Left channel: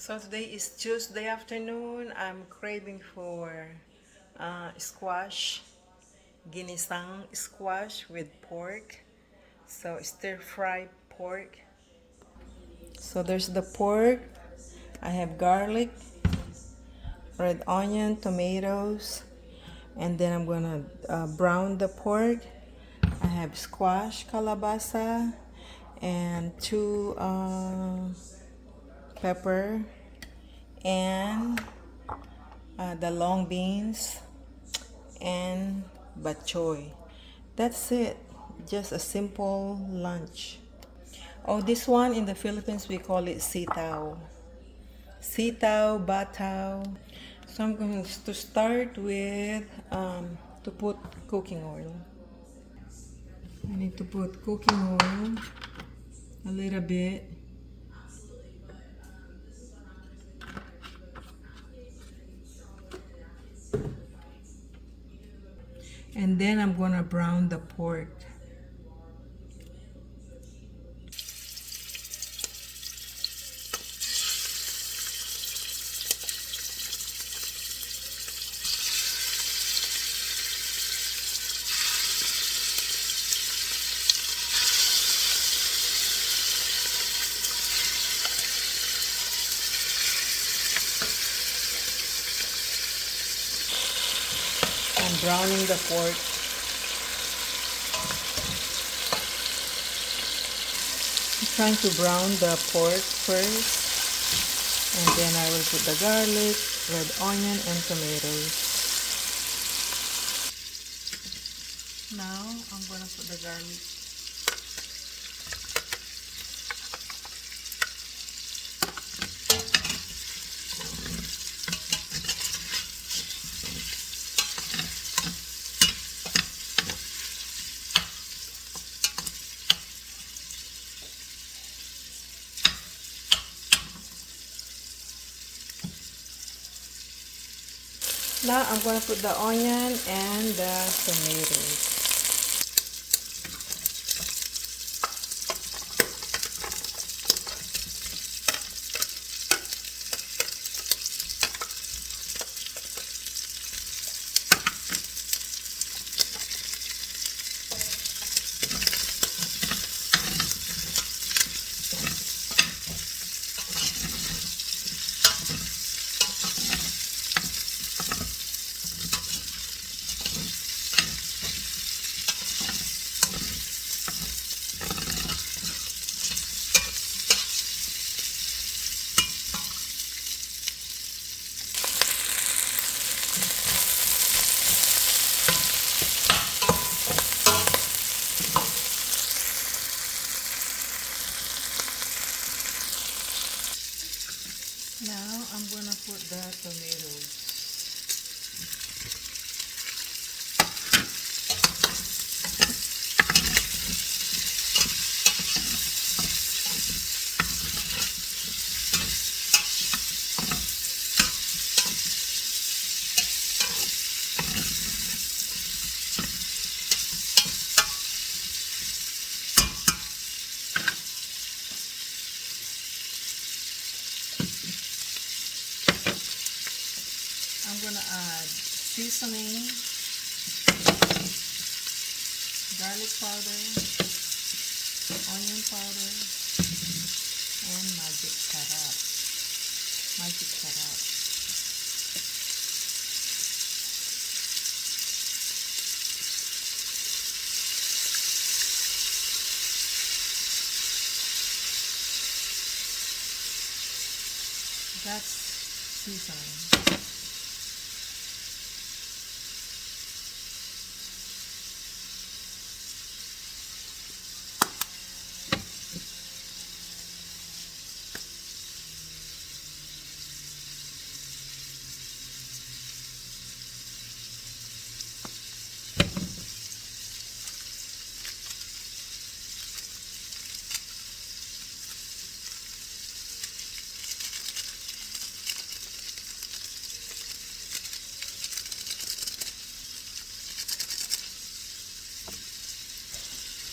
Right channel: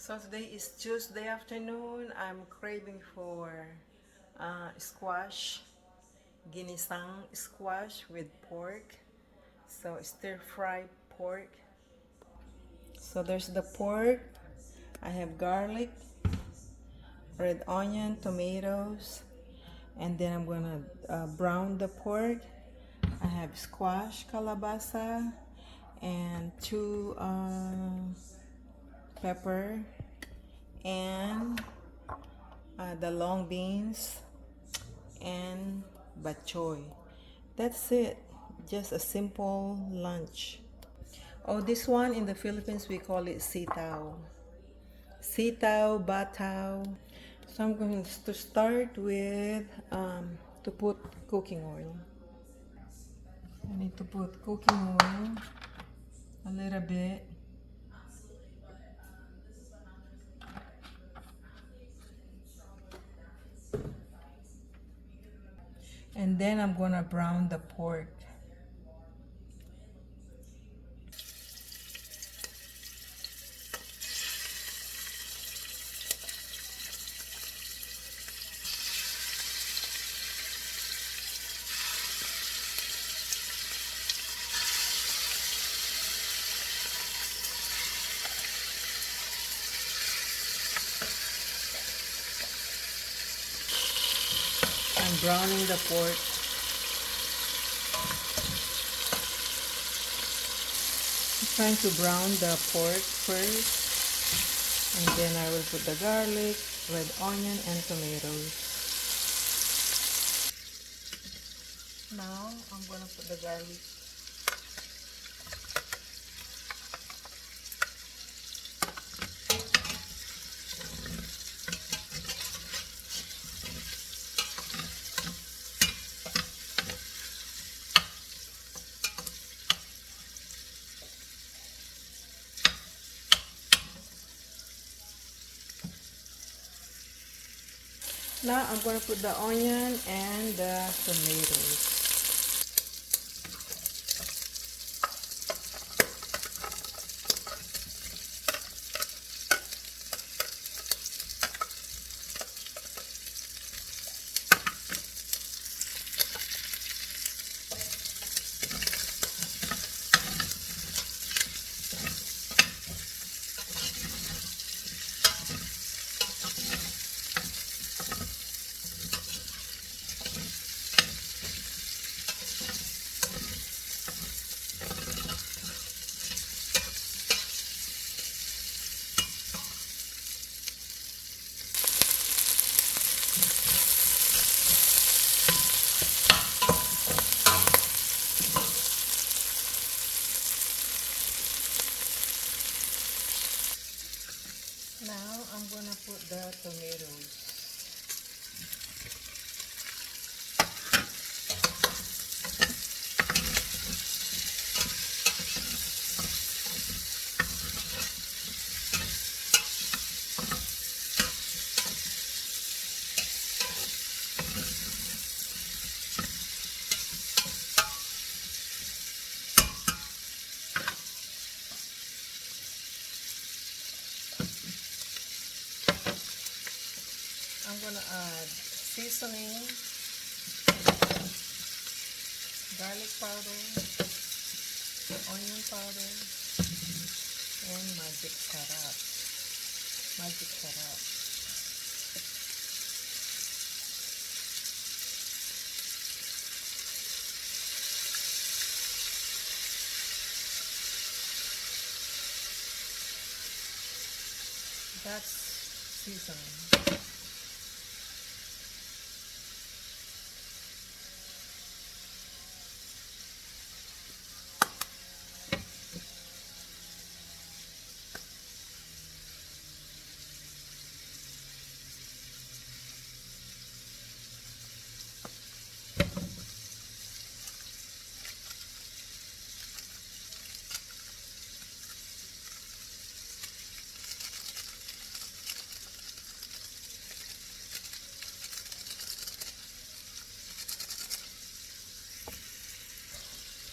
So today is Tuesday afternoon. I'm craving for squash, ginisang squash with pork. So stir fry pork. So there's the pork. I have garlic, red onion, tomatoes, and then I'm gonna brown the pork. I have squash, calabasa, and two pepper, and the long beans, and bok choy. That's it. Just a simple lunch. Oh, this one in the Philippines we call it sitaw. Sitaw, bataw. So I'm going to start with to put cooking oil. I need to put cooking oil a little bit. And then I'm gonna brown the pork. I'm browning the pork. I'm trying to brown the pork first, and then I will put the garlic, red onion, and tomatoes. Now I'm gonna put the garlic. Now I'm gonna put the onion and the tomatoes. Now I'm gonna put the tomatoes. I'm gonna add seasoning, garlic powder, onion powder, and magic sarap. Magic sarap. That's seasoning.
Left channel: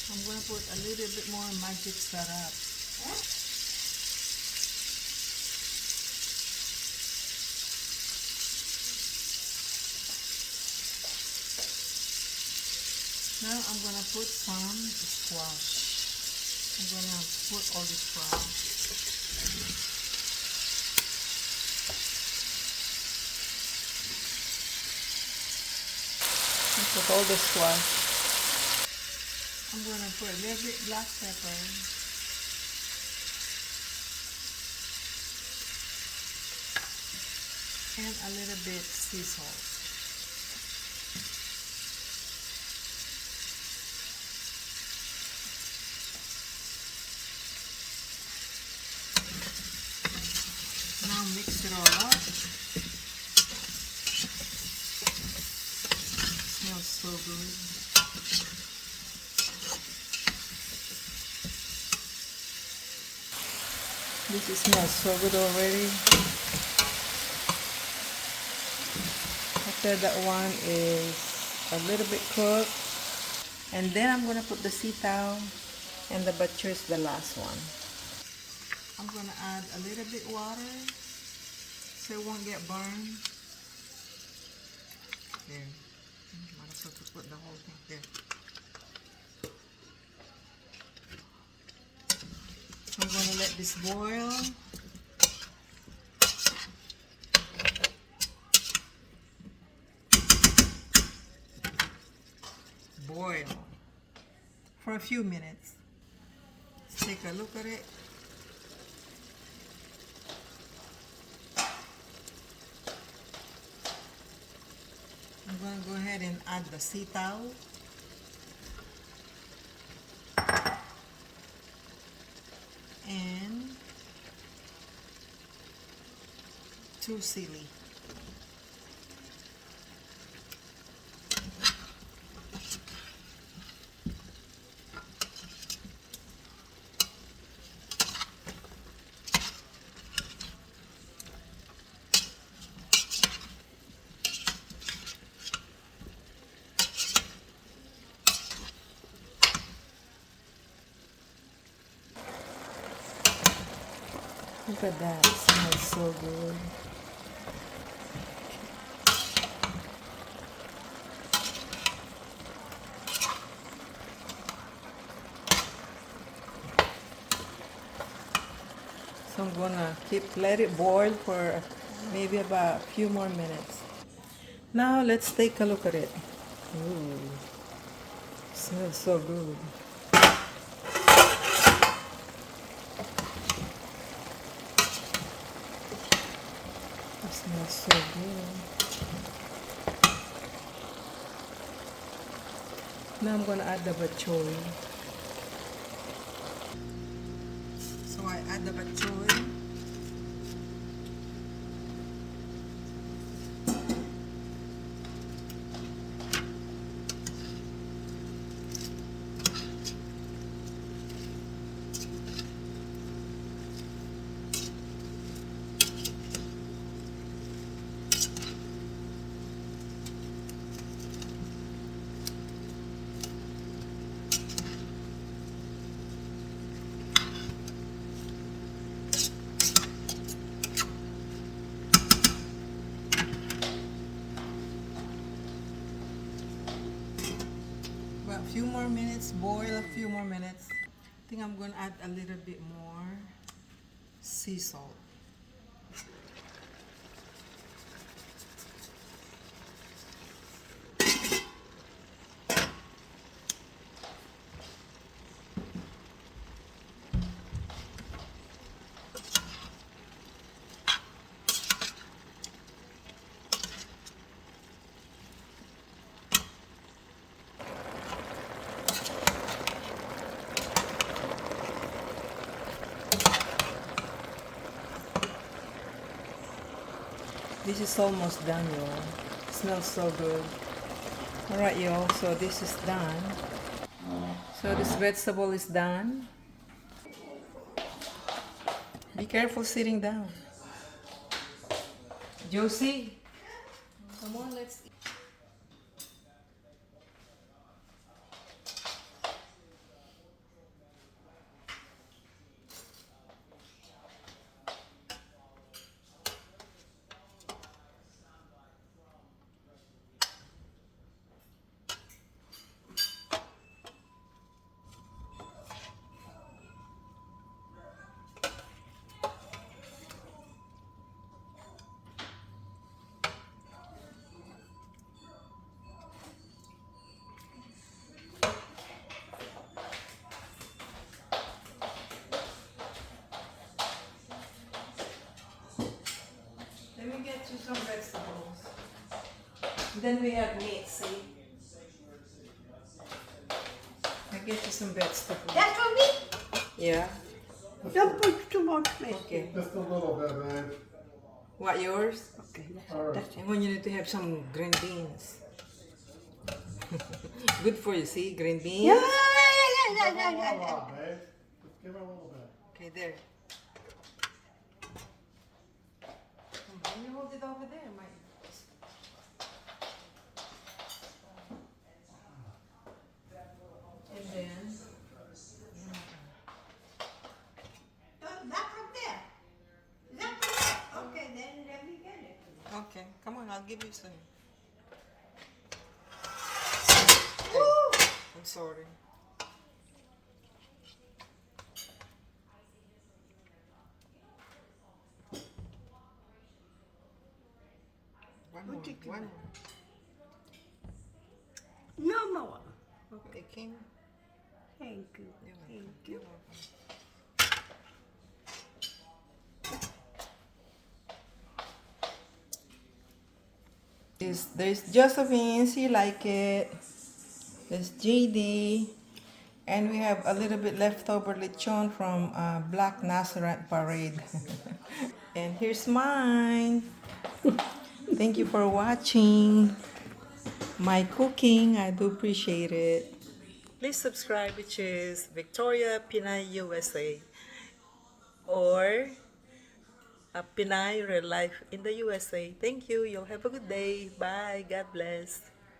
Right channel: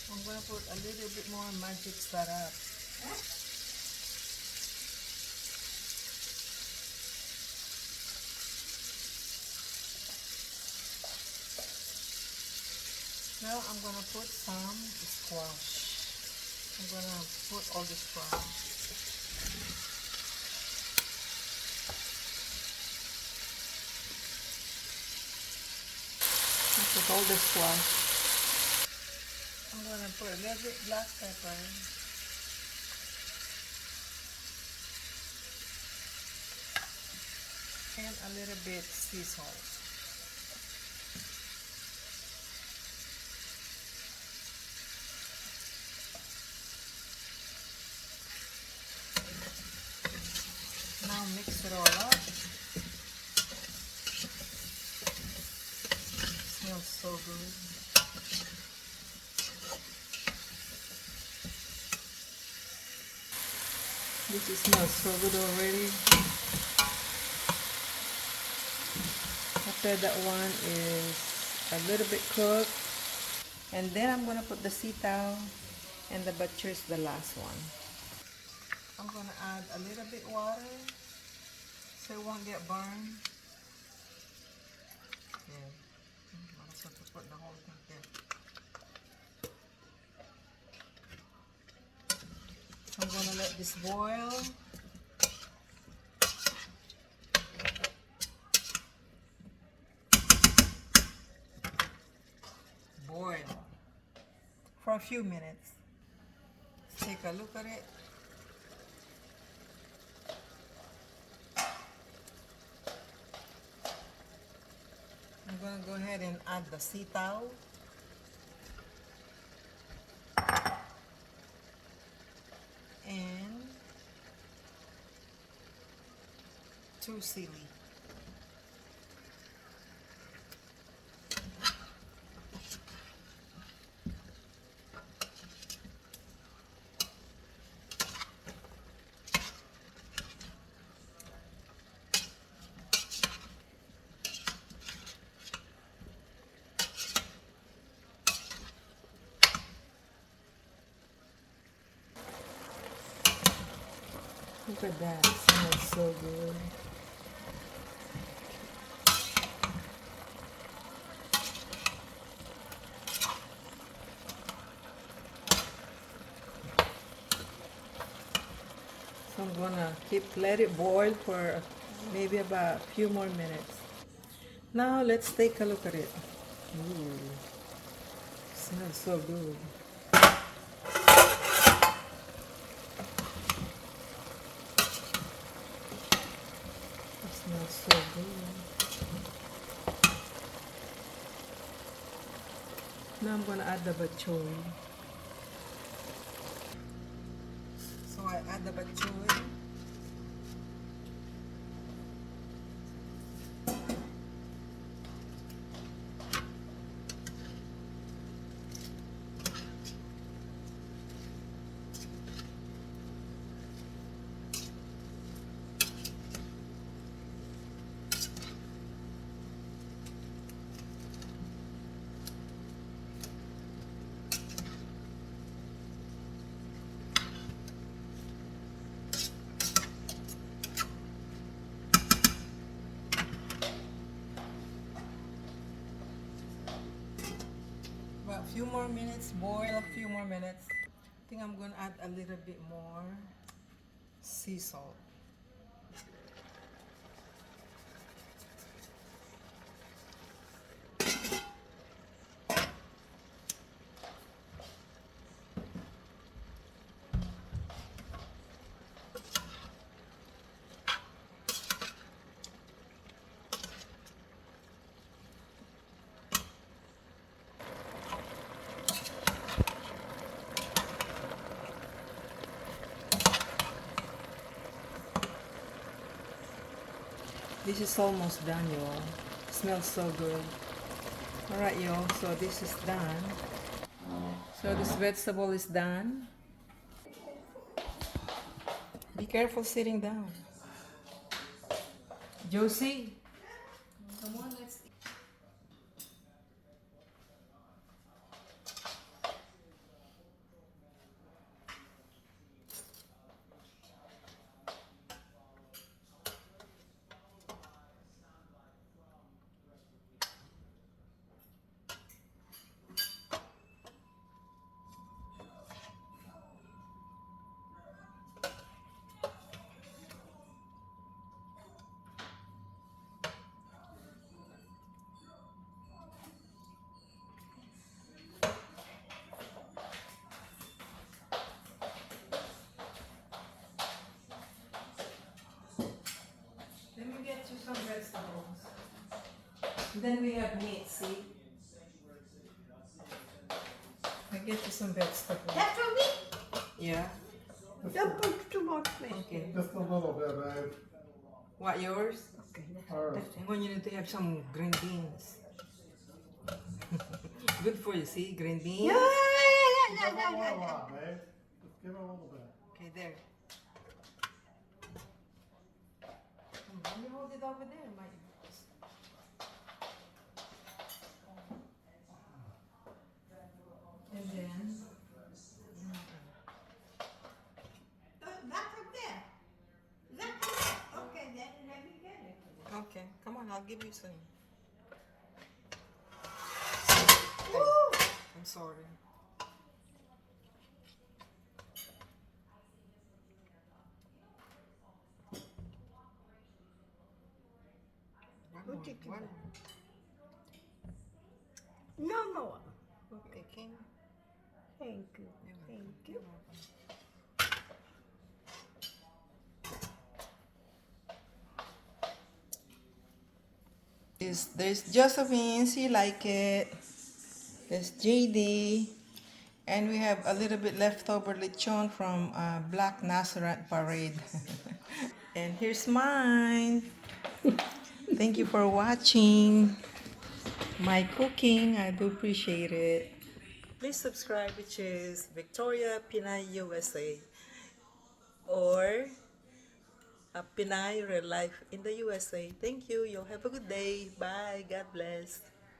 I'm gonna put a little bit more magic sarap. Now I'm gonna put some squash. I'm gonna put all the squash. Put all the squash. I'm gonna put a little bit black pepper. And a little bit sea salt. Now mix it all up. Smells so good. This smells so good already. After that one is a little bit cooked. And then I'm gonna put the sitaw and the butcher is the last one. I'm gonna add a little bit water so it won't get burned. There. I'm not supposed to put the whole thing there. So I'm gonna let this boil. Boil for a few minutes. Let's take a look at it. I'm going to go ahead and add the sitaw. And 2 sili. Look at that, it smells so good. So I'm gonna let it boil for maybe about a few more minutes. Now let's take a look at it. Ooh, smells so good. It smells so good. Now I'm gonna add the bok choy. So I add the bok choy. About a few more minutes, boil a few more minutes. I think I'm gonna add a little bit more sea salt. This is almost done, y'all. Smells so good. Alright, y'all, so this is done. So this vegetable is done. Be careful sitting down. Josie, come on, let's eat. you some vegetables. Then we have meat, see? I get you some vegetables. That's for me. Yeah. Don't put too much fish. Okay. Just a little bit, right? What, yours? Okay, All right. that's And when you need to have some green beans. Good for you, see? Green beans. yeah. Give it a lot, babe. Just give it a little bit. Okay, there. Can you hold it over there, Mike? And then, That's from there. That's from there. Okay, then let me get it. okay, come on, I'll give you some. Woo! I'm sorry. One more, take one it. more. No more. Okay, King. Thank you. You're welcome. Thank you. You're welcome. There's Josephine, she like it. There's JD. And we have a little bit leftover lechon from Black Nazareth Parade. And here's mine. Thank you for watching my cooking. I do appreciate it. Please subscribe, which is Victoria Pinay USA or Pinay Real Life in the USA. Thank you. You'll have a good day. Bye. God bless.